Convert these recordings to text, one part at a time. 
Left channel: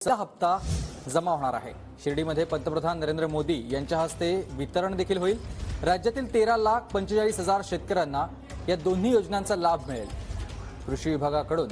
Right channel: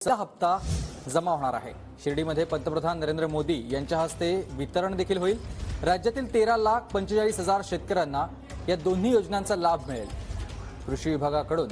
हप्ता जमा होणार आहे। शिर्डीमध्ये पंतप्रधान नरेंद्र मोदी यांच्या हस्ते वितरण देखील होईल। राज्यातील 13,45,000 शेतकऱ्यांना या दोन्ही योजनांचा लाभ मिळेल। कृषी विभागाकडून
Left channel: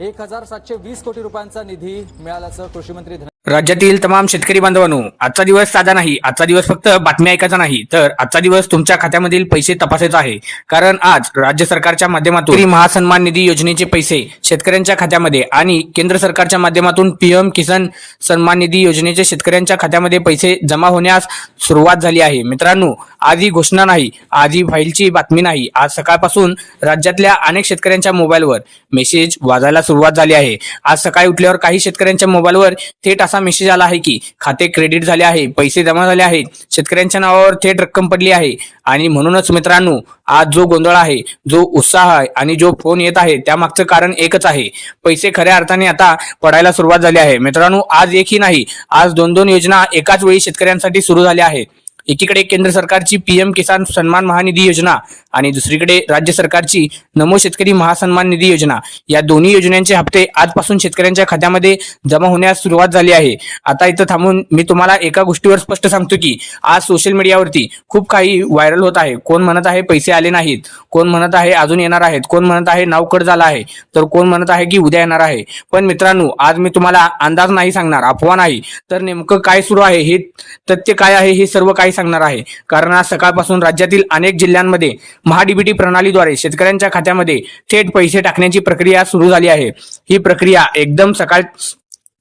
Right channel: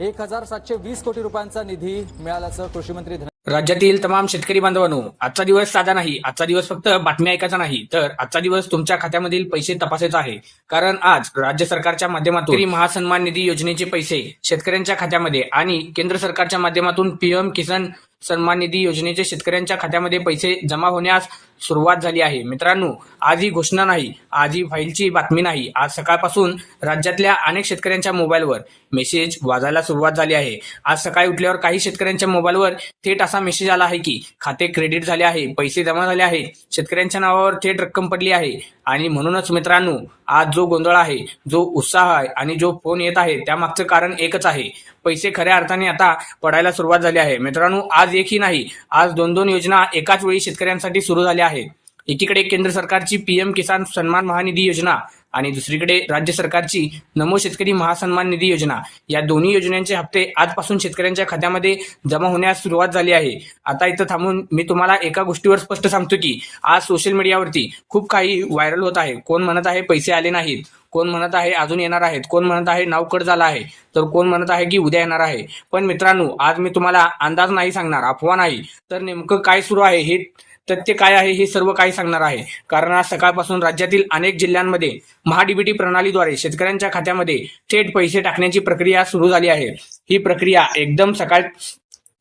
1,720 कोटी रुपयांचा निधी मिळाल्याचं कृषी मंत्री राज्यातील तमाम शेतकरी बांधवांनो, आजचा दिवस साधा नाही। आजचा दिवस फक्त बातम्या ऐकायचा नाही, तर आजचा दिवस तुमच्या खात्यामधील पैसे तपासायचा आहे। कारण आज राज्य सरकारच्या माध्यमातून महासन्मान निधी योजनेचे पैसे शेतकऱ्यांच्या खात्यामध्ये आणि केंद्र सरकारच्या माध्यमातून पीएम किसान सन्मान निधी योजनेचे शेतकऱ्यांच्या खात्यामध्ये पैसे जमा होण्यास सुरुवात झाली आहे। मित्रांनो, आज ही घोषणा नाही, आज ही फाईलची बातमी नाही। आज सकाळपासून राज्यातल्या अनेक शेतकऱ्यांच्या मोबाईलवर मेसेज वाजायला सुरुवात झाली आहे। आज सकाळी उठल्यावर काही शेतकऱ्यांच्या मोबाईलवर थेट मेसेज आला आहे की खाते क्रेडिट झाले आहे, पैसे जमा झाले आहेत, शेतकऱ्यांच्या नावावर थेट रक्कम पडली आहे। आणि म्हणूनच मित्रांनो, आज जो गोंधळ आहे, जो उत्साह आहे आणि जो फोन येत आहे, त्यामागचं कारण एकच आहे, पैसे खऱ्या अर्थाने आता पडायला सुरुवात झाली आहे। मित्रांनो, आज एकही नाही, आज दोन योजना एकाच वेळी शेतकऱ्यांसाठी सुरू झाल्या आहेत। एकीकडे केंद्र सरकारची पीएम किसान सन्मान महानिधी योजना आणि दुसरीकडे राज्य सरकारची नमो शेतकरी महासन्मान निधी योजना, या दोन्ही योजनांचे हप्ते आजपासून शेतकऱ्यांच्या खात्यामध्ये जमा होण्यास सुरुवात झाली आहे। आता इथं थांबून मी तुम्हाला एका गोष्टीवर स्पष्ट सांगतो की आज सोशल मीडियावरती खूप काही व्हायरल होत आहे। कोण म्हणत आहे पैसे आले नाहीत, कोण म्हणत आहे अजून येणार आहेत, कोण म्हणत आहे नाव कट झाला आहे, तर कोण म्हणत आहे की उद्या येणार आहे। पण मित्रांनो, आज मी तुम्हाला अंदाज नाही सांगणार, अफवा नाही, तर नेमकं काय सुरू आहे, हे तथ्य काय आहे, हे सर्व काही सांगणार आहे। कारण आज सकाळपासून राज्यातील अनेक जिल्ह्यांमध्ये महाडीबीटी प्रणालीद्वारे शेतकऱ्यांच्या खात्यामध्ये थेट पैसे टाकण्याची प्रक्रिया सुरू झाली आहे। ही प्रक्रिया एकदम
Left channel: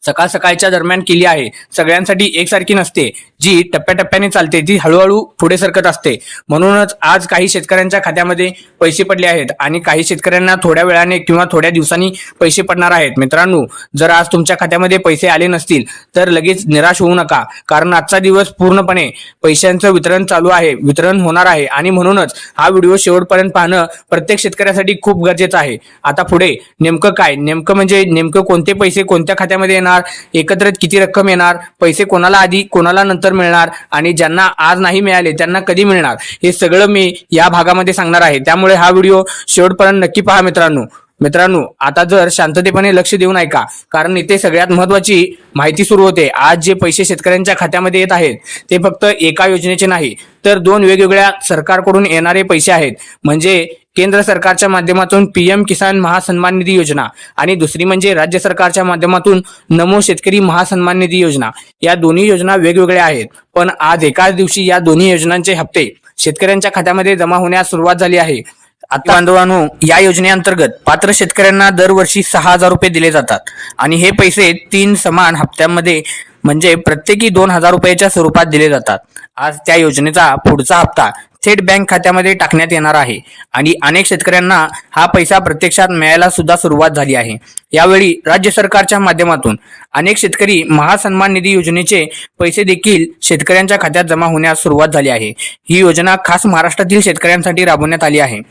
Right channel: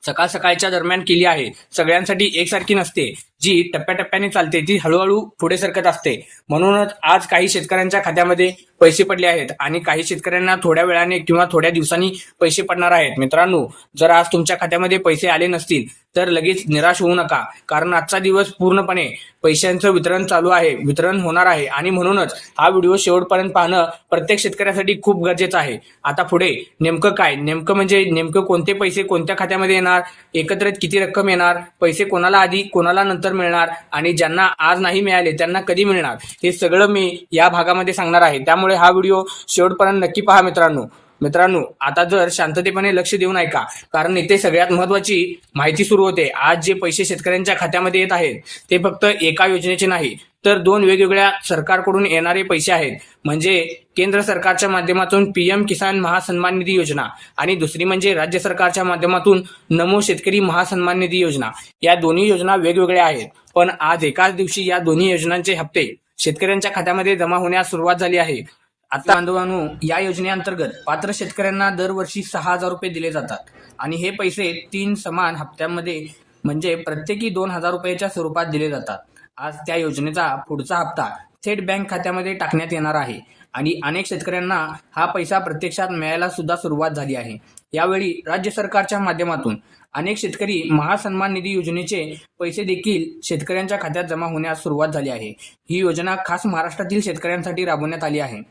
सकाळच्या दरम्यान केली आहे। सगळ्यांसाठी एकसारखी नसते, जी टप्प्याटप्प्याने चालते, ती हळूहळू पुढे सरकत असते। म्हणूनच आज काही शेतकऱ्यांच्या खात्यामध्ये पैसे पडले आहेत आणि काही शेतकऱ्यांना थोड्या वेळाने किंवा थोड्या दिवसांनी पैसे पडणार आहेत। मित्रांनो, जर आज तुमच्या खात्यामध्ये पैसे आले नसतील तर लगेच निराश होऊ नका, कारण आजचा दिवस पूर्णपणे पैशांचं वितरण चालू आहे, वितरण होणार आहे। आणि म्हणूनच हा व्हिडिओ शेवटपर्यंत पाहणं प्रत्येक शेतकऱ्यासाठी खूप गरजेचं आहे। आता पुढे नेमकं काय, नेमकं कोणते पैसे कोणत्या खात्यामध्ये येणार, एकत्रित किती रक्कम येणार, पैसे कोणाला आधी कोणाला नंतर मिळणार आणि ज्यांना आज नाही मिळाले त्यांना कधी मिळणार, हे सगळं मी या भागामध्ये सांगणार आहे। त्यामुळे हा व्हिडिओ शेवटपर्यंत नक्की पहा मित्रांनो, आता जर शांततेपणे लक्ष देऊन ऐका, कारण इथे सगळ्यात महत्त्वाची माहिती सुरू होते। आज जे पैसे शेतकऱ्यांच्या खात्यामध्ये येत आहेत ते फक्त एका योजनेचे नाही, तर दोन वेगवेगळ्या सरकारकडून येणारे पैसे आहेत। म्हणजे केंद्र सरकारच्या माध्यमातून पीएम किसान महासन्मान निधी योजना आणि दुसरी म्हणजे राज्य सरकारच्या माध्यमातून नमो शेतकरी महासन्मान निधी योजना। या दोन्ही योजना वेगवेगळ्या आहेत, पण आज एकाच दिवशी या दोन्ही योजनांचे हप्ते शेतकऱ्यांच्या खात्यामध्ये जमा होण्यास सुरुवात झाली आहे। आता बांधवांनो, या योजनेअंतर्गत पात्र शेतकऱ्यांना दरवर्षी 6,000 रुपये दिले जातात आणि हे पैसे 3 समान हप्त्यांमध्ये म्हणजे प्रत्येकी 2,000 रुपयाच्या स्वरूपात दिले जातात। आज त्या योजनेचा पुढचा हप्ता थेट बँक खात्यामध्ये टाकण्यात येणार आहे आणि अनेक शेतकऱ्यांना हा पैसा प्रत्यक्षात मिळायला सुद्धा सुरुवात झाली आहे। यावेळी राज्य सरकारच्या माध्यमातून अनेक शेतकरी महासन्मान निधी योजनेचे पैसे देखील शेतकऱ्यांच्या खात्यात जमा होण्यास सुरुवात झाली आहे। ही योजना खास महाराष्ट्रातील शेतकऱ्यांसाठी राबवण्यात आली आहे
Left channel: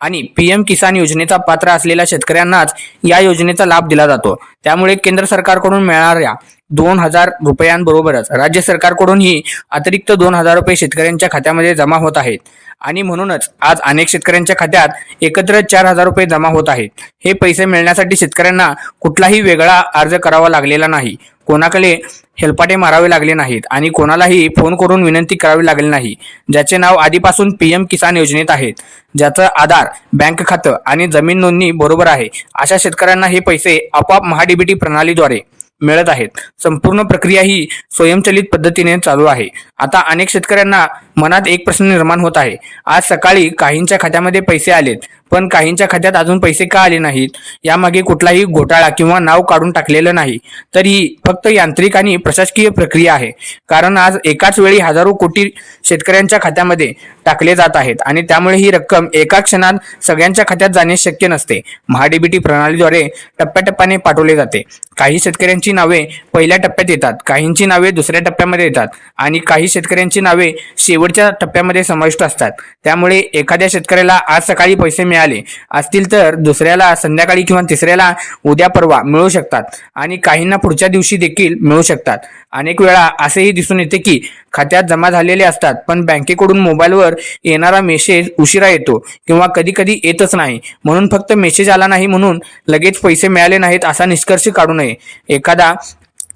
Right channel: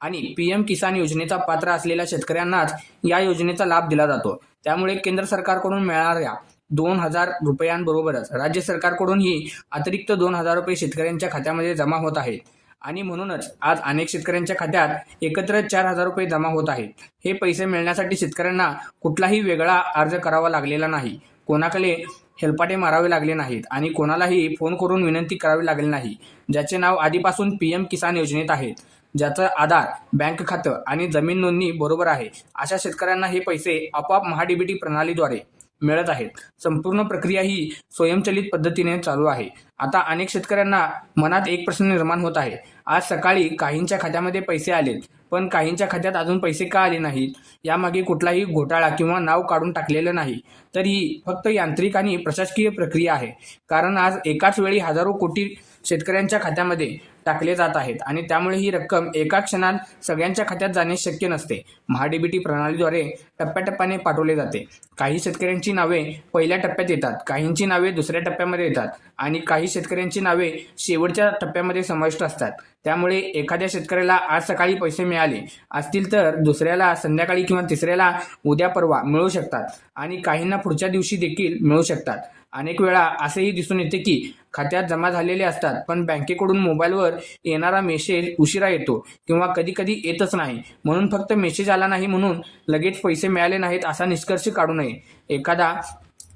आणि पीएम किसान योजनेचा पात्र असलेल्या शेतकऱ्यांनाच या योजनेचा लाभ दिला जातो। त्यामुळे केंद्र सरकारकडून मिळणाऱ्या 2,000 रुपयांबरोबरच राज्य सरकारकडूनही अतिरिक्त 2,000 रुपये शेतकऱ्यांच्या खात्यामध्ये जमा होत आहेत आणि म्हणूनच आज अनेक शेतकऱ्यांच्या खात्यात एकत्र 4,000 रुपये जमा होत आहेत। हे पैसे मिळण्यासाठी शेतकऱ्यांना कुठलाही वेगळा अर्ज करावा लागलेला नाही, कोणाकडे हेलपाटे मारावे लागले नाहीत आणि कोणालाही फोन करून विनंती करावी लागली नाही। ज्याचे नाव आधीपासून पीएम किसान योजनेत आहेत, ज्याचं आधार, बँक खातं आणि जमीन नोंदणी बरोबर आहे, अशा शेतकऱ्यांना हे पैसे आपोआप महाडीबीटी प्रणालीद्वारे मिळत आहेत। संपूर्ण प्रक्रिया ही स्वयंचलित पद्धतीने चालू आहे। आता अनेक शेतकऱ्यांना मनात एक प्रश्न निर्माण होत आहे, आज सकाळी काहींच्या खात्यामध्ये पैसे आलेत, पण काहींच्या खात्यात अजून पैसे का आले नाहीत? यामागे कुठलाही घोटाळा किंवा नाव काढून टाकलेलं नाही, तर ही फक्त यांत्रिक आणि प्रशासकीय प्रक्रिया आहे। कारण आज एकाच वेळी हजारो कोटी शेतकऱ्यांच्या खात्यामध्ये टाकले जात आहेत आणि त्यामुळे ही रक्कम एका क्षणात सगळ्यांच्या खात्यात जाणे शक्य नसते। महाडीबीटी प्रणालीद्वारे टप्प्याटप्प्याने पाठवले जाते। काही शेतकऱ्यांची नावे पहिल्या टप्प्यात येतात, काहींची नावे दुसऱ्या टप्प्यामध्ये येतात आणि काही शेतकऱ्यांची नावे शेवटच्या टप्प्यामध्ये समाविष्ट असतात। त्यामुळे एखाद्या शेतकऱ्याला आज सकाळी पैसे मिळाले असतील तर दुसऱ्याला संध्याकाळी किंवा तिसऱ्याला उद्या परवा मिळू शकतात आणि काहींना पुढच्या दिवशी देखील मिळू शकतात। अनेक वेळा असेही दिसून येते की खात्यात जमा झालेले असतात, पण बँकेकडून मोबाईलवर येणारा मेसेज उशिरा येतो किंवा कधी कधी येतच नाही। म्हणून फक्त मेसेज आला नाही म्हणून लगेच पैसे मिळाले नाहीत असा निष्कर्ष काढू नये। एखादा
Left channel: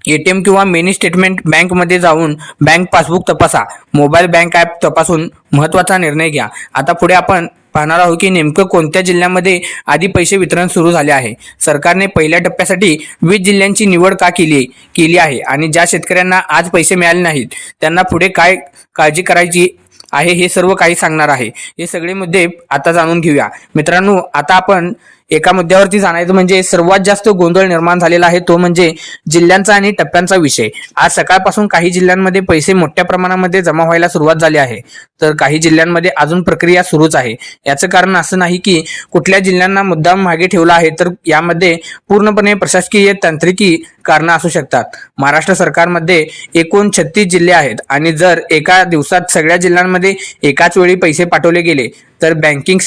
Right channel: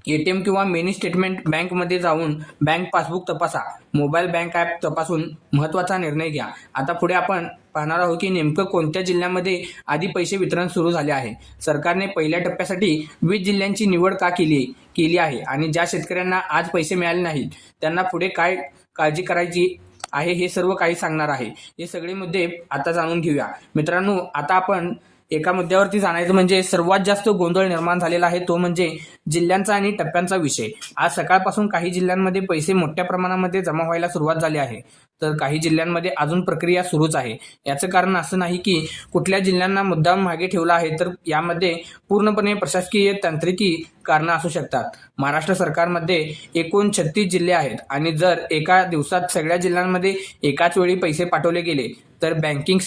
एटीएम किंवा मिनी स्टेटमेंट बँकमध्ये जाऊन बँक पासबुक तपासा, मोबाईल बँक ॲप तपासून महत्त्वाचा निर्णय घ्या. आता पुढे आपण पाहणार आहोत की नेमकं कोणत्या जिल्ह्यामध्ये आधी पैसे वितरण सुरू झाले आहे. सरकारने पहिल्या टप्प्यासाठी 20 जिल्ह्यांची निवड का केली आहे आणि ज्या शेतकऱ्यांना आज पैसे मिळाले नाहीत त्यांना पुढे काय काळजी करायची आहे हे सर्व काही सांगणार आहे. हे सगळे मुद्दे आता जाणून घेऊया. मित्रांनो, आता आपण एका मुद्द्यावरती जाणायचं म्हणजे सर्वात जास्त गोंधळ निर्माण झालेला आहे तो म्हणजे जिल्ह्यांचा आणि टप्प्यांचा विषय. आज सकाळपासून काही जिल्ह्यांमध्ये पैसे मोठ्या प्रमाणामध्ये जमा व्हायला सुरुवात झाली आहे, तर काही जिल्ह्यांमध्ये अजून प्रक्रिया सुरूच आहे. याचं कारण असं नाही की कुठल्या जिल्ह्यांना मुद्दाम मागे ठेवला आहे, तर यामध्ये पूर्णपणे प्रशासकीय तांत्रिकी कारणं असू शकतात. महाराष्ट्र सरकारमध्ये एकूण 36 जिल्हे आहेत आणि जर एका दिवसात सगळ्या जिल्ह्यांमध्ये एकाच वेळी पैसे पाठवले गेले तर बँकिंग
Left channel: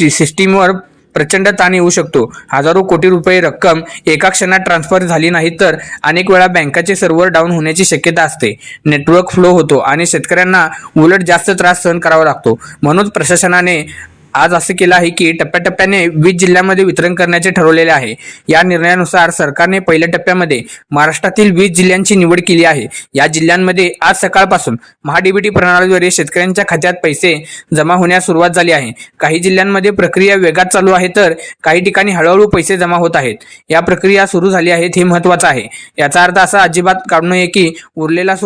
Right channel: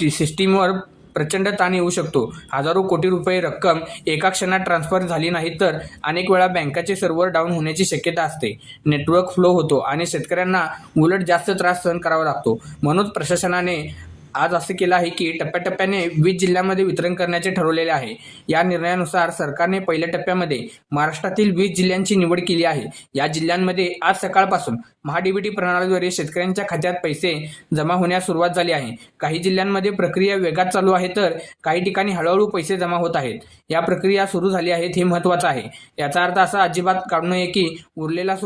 सिस्टीमवर प्रचंड ताण येऊ शकतो. हजारो कोटी रुपये रक्कम एका क्षणात ट्रान्सफर झाली नाही तर अनेक वेळा बँकाचे सर्व्हर डाऊन होण्याची शक्यता असते, नेटवर्क फ्लो होतो आणि शेतकऱ्यांना उलट जास्त त्रास सहन करावा लागतो. म्हणूनच प्रशासनाने आज असं केलं आहे की टप्प्याटप्प्याने 20 जिल्ह्यांमध्ये वितरण करण्याचे ठरवलेले आहे. या निर्णयानुसार सरकारने पहिल्या टप्प्यामध्ये महाराष्ट्रातील 20 जिल्ह्यांची निवड केली आहे. या जिल्ह्यांमध्ये आज सकाळपासून महाडीबीटी प्रणालीद्वारे शेतकऱ्यांच्या खात्यात पैसे जमा होण्यास सुरुवात झाली आहे. काही जिल्ह्यांमध्ये प्रक्रिया वेगात चालू आहे तर काही ठिकाणी हळूहळू पैसे जमा होत आहेत. या प्रक्रिया सुरू झाली आहेत हे महत्त्वाचं आहे. याचा अर्थ असा अजिबात काढू नये की उरलेला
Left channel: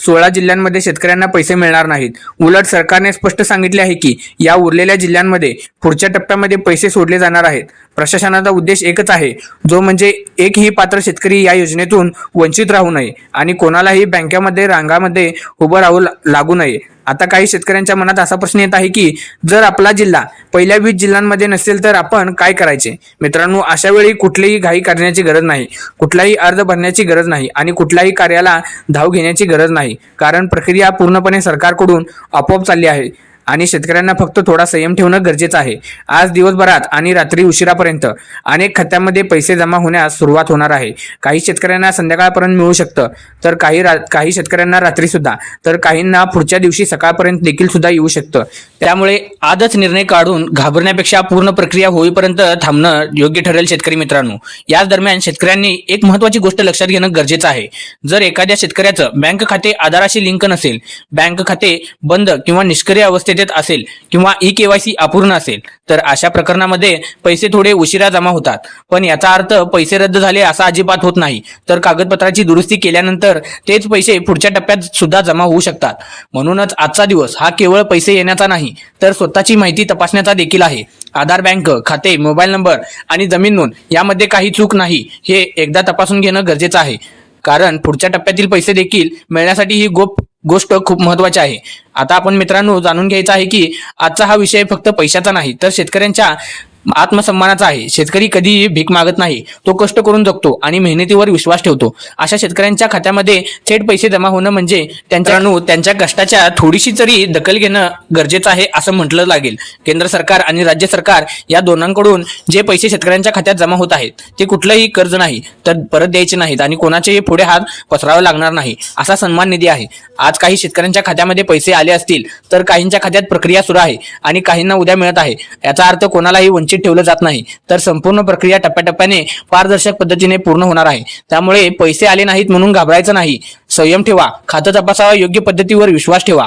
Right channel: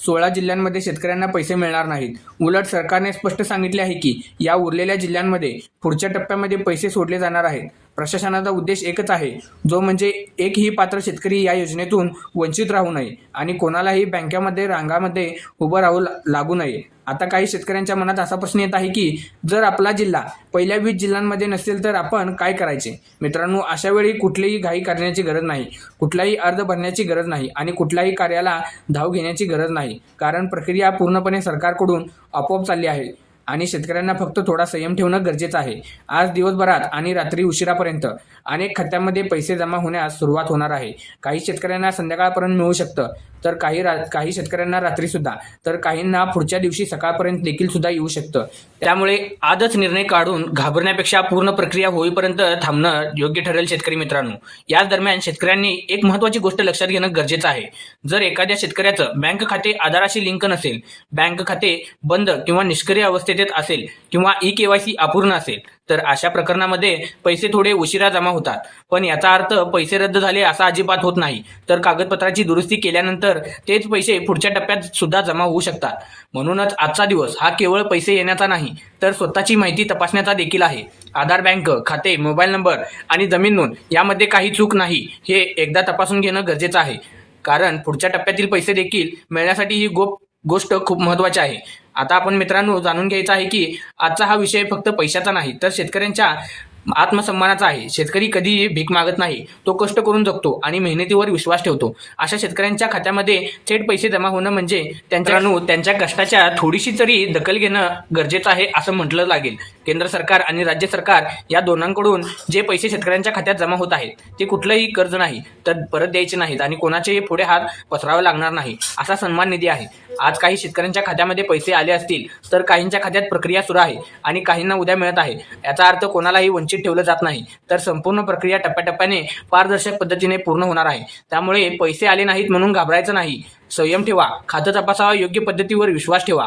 16 जिल्ह्यांमध्ये शेतकऱ्यांना पैसे मिळणार नाहीत. उलट सरकारने स्पष्ट सांगितले आहे की या उरलेल्या जिल्ह्यांमध्ये पुढच्या टप्प्यामध्ये पैसे सोडले जाणार आहेत. प्रशासनाचा उद्देश एकच आहे, जो म्हणजे एकही पात्र शेतकरी या योजनेतून वंचित राहू नये आणि कोणालाही बँकेमध्ये रांगामध्ये उभं राहू लागू नये. आता काही शेतकऱ्यांच्या मनात असा प्रश्न येत आहे की जर आपला जिल्हा पहिल्या 20 जिल्ह्यांमध्ये नसेल तर आपण काय करायचे. मित्रांनो, अशा वेळी कुठलीही घाई करण्याची गरज नाही, कुठलाही अर्ज भरण्याची गरज नाही आणि कुठल्याही कार्याला धाव घेण्याची गरज नाही, कारण प्रक्रिया पूर्णपणे सरकारकडून आपोआप चालली आहे आणि शेतकऱ्यांना फक्त थोडा संयम ठेवणं गरजेचं आहे. आज दिवसभरात आणि रात्री उशिरापर्यंत अनेक खात्यांमध्ये पैसे जमा होण्यास सुरुवात होणार आहे. काही शेतकऱ्यांना संध्याकाळपर्यंत मिळू शकतं, तर काही शेतकऱ्यांना रात्री सुद्धा, तर काहींना पुढच्या दिवशी सकाळपर्यंत देखील सुद्धा येऊ शकतं. त्यामुळे आजच निर्णय काढून घाबरण्यापेक्षा पूर्ण प्रक्रिया होईपर्यंत थांबणं योग्य ठरेल. शेतकरी मित्रांनो, याच दरम्यान शेतकऱ्यांनी एक महत्त्वाची गोष्ट लक्षात घेणं गरजेचं आहे. जर एखाद्या शेतकऱ्याचं बँक खाते आधाराशी लिंक नसेल, बँक खाते बंद किंवा निष्क्रिय अवस्थेत असेल किंवा ई-केवायसी अपूर्ण असेल तर अशा प्रकरणामध्ये पैसे थोडे उशिरा जमा होतात. पण याचा अर्थ पैसे रद्द झाले असा अजिबात होत नाही, तर कागदपत्राची दुरुस्ती केल्यानंतर तेच पैसे पुढच्या टप्प्यात सुद्धा जमा होऊ शकतात. म्हणूनच आजचा दिवस हा केवळ पैसे येण्याचा नाही तर स्वतःची माहिती तपासण्याचा देखील आहे. आधार, बँक खाते, मोबाईल नंबर आणि जमीन नोंद यामध्ये काही चूक नाही हे एकदा तपासून घेणं गरजेचं आहे, कारण पुढच्या टप्प्यातील पैसे देखील मिळण्यासाठी ही गोष्ट खूप महत्त्वाची आहे. आता आपण मित्रांनो जाणून घ्यायचं आहे की आजचा हा विषय फक्त पैशाचा नाही तर शेतकऱ्यांच्या आत्मसन्मानाचा आहे. शेतकरी कधीही भीक मागत नाही, तो कष्ट करून जगतो आणि मेहनतीवर विश्वास ठेवतो. अशा शेतकऱ्यांच्या खात्यामध्ये थेट पैसे जमा होणं म्हणजे त्यांच्या कष्टाच्या थोडीशी तरी दखल घेणं गरजेचं आहे असं म्हटलं लागेल. केंद्र सरकार आणि राज्य सरकार या दोनांकडून जे पैसे शेतकऱ्यांच्या खात्यात जमा होत आहेत ते कुठलंही कर्ज नाही तर परत द्यायचे नाहीत आणि कोणाचेही पुढे हात पसरावा लागणार नाही असा सन्मान निधी आहे. आज काही शेतकऱ्यांच्या खात्यामध्ये पैसे आले असतील तर काहींच्या खात्यात प्रक्रिया सुरू आहे आणि काहींना उद्या मिळत आहे. याचा अर्थ कोणालाही वंचित ठेवलं जात नाही, तर संपूर्ण प्रक्रिया टप्प्याटप्प्याने पारदर्शक पद्धतीने पूर्ण होणार आहे. त्यामुळे पैसे आले नाहीत म्हणून घाबरायचं नाही, संयम ठेवा, खातं तपासा, योग्य पद्धतीवर विश्वास ठेवा.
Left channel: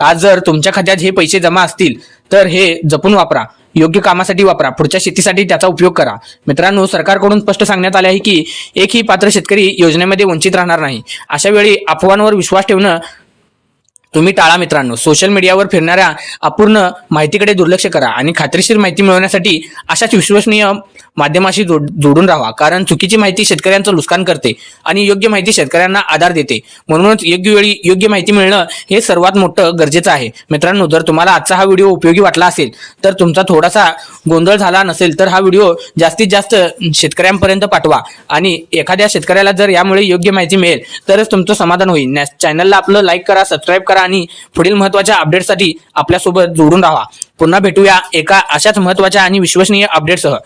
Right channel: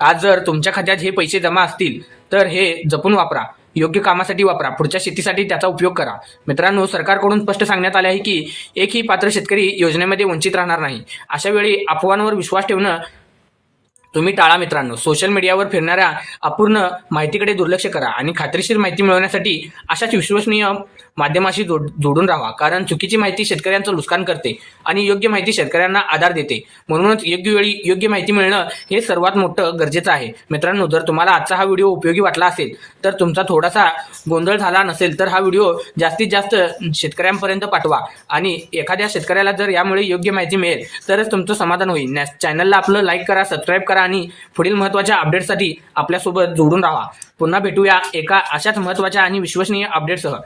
आज जर तुमच्या खात्यात हे पैसे जमा असतील तर हे जपून वापरा, योग्य कामासाठी वापरा, पुढच्या शेतीसाठी त्याचा उपयोग करा. मित्रांनो, सरकारकडून स्पष्ट सांगण्यात आले आहे की एकही पात्र शेतकरी योजनेमध्ये वंचित राहणार नाही. अशा वेळी अफवांवर विश्वास ठेवणं तुम्ही टाळा. मित्रांनो, सोशल मीडियावर फिरणाऱ्या अपूर्ण माहितीकडे दुर्लक्ष करा आणि खात्रीशीर माहिती मिळवण्यासाठी अशाच विश्वसनीय माध्यमाशी जोडून राहा, कारण चुकीची माहिती शेतकऱ्यांचं नुकसान करते आणि योग्य माहिती शेतकऱ्यांना आधार देते. म्हणूनच योग्य वेळी योग्य माहिती मिळणं हे सर्वात मोठं गरजेचं आहे. मित्रांनो, जर तुम्हाला आजचा हा व्हिडिओ उपयोगी वाटला असेल तर तुमचा थोडासा गोंधळ झाला नसेल तर हा व्हिडिओ जास्तीत जास्त शेतकऱ्यांपर्यंत पाठवा आणि एखाद्या शेतकऱ्याला जर यामुळे योग्य माहिती मिळेल तरच तुमचं समाधान होईल. चॅनलला आपलं लाईक करा, सबस्क्राईब करा आणि पुढील महत्त्वाच्या अपडेटसाठी आपल्यासोबत जोडून राहा. पुन्हा भेटूया एका अशाच महत्त्वाच्या आणि विश्वसनीय अपडेटसह.